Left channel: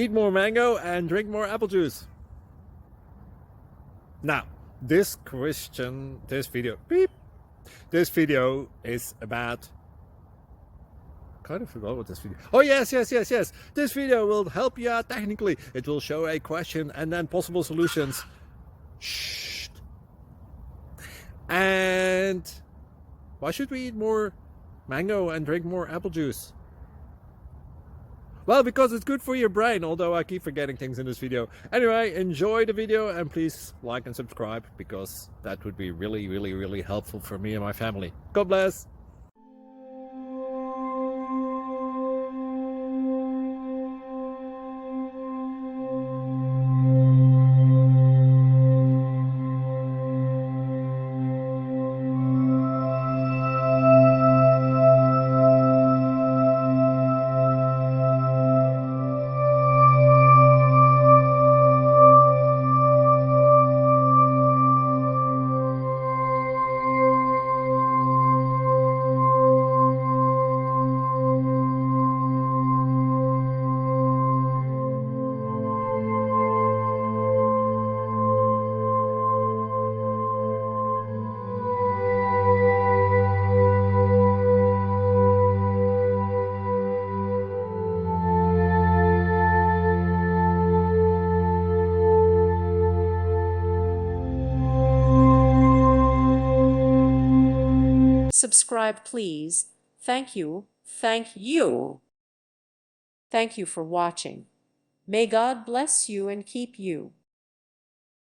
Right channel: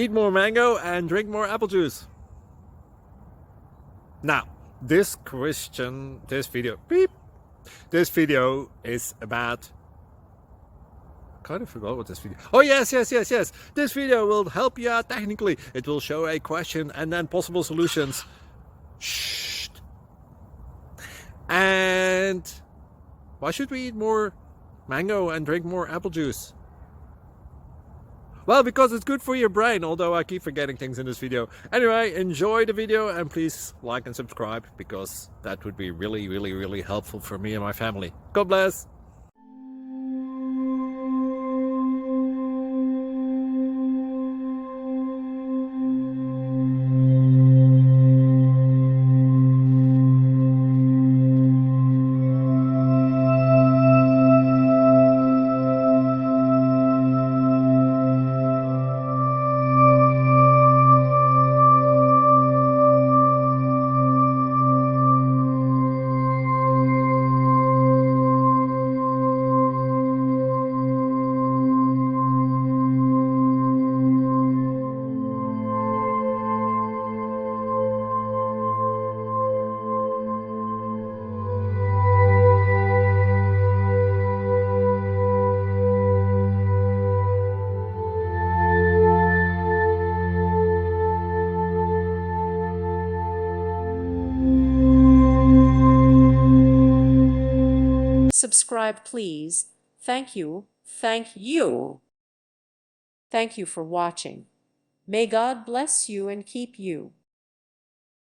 eat more mango and drink more apple juice. Now, this video is about, I kind of forgot what this video. Oh yes. This video will help you out technically. It will show a question and then possible solutions. Shh. And why should we eat more mango and drink more apple juice? Well, because it's good for your brain, although I keep forgetting things in this video. Anyway, enjoy the video and please like and subscribe, because that would be really helpful for me and my family. God bless! Subscribe, please. Thank you. Thank you. Thank you for watching. May God bless you and keep you.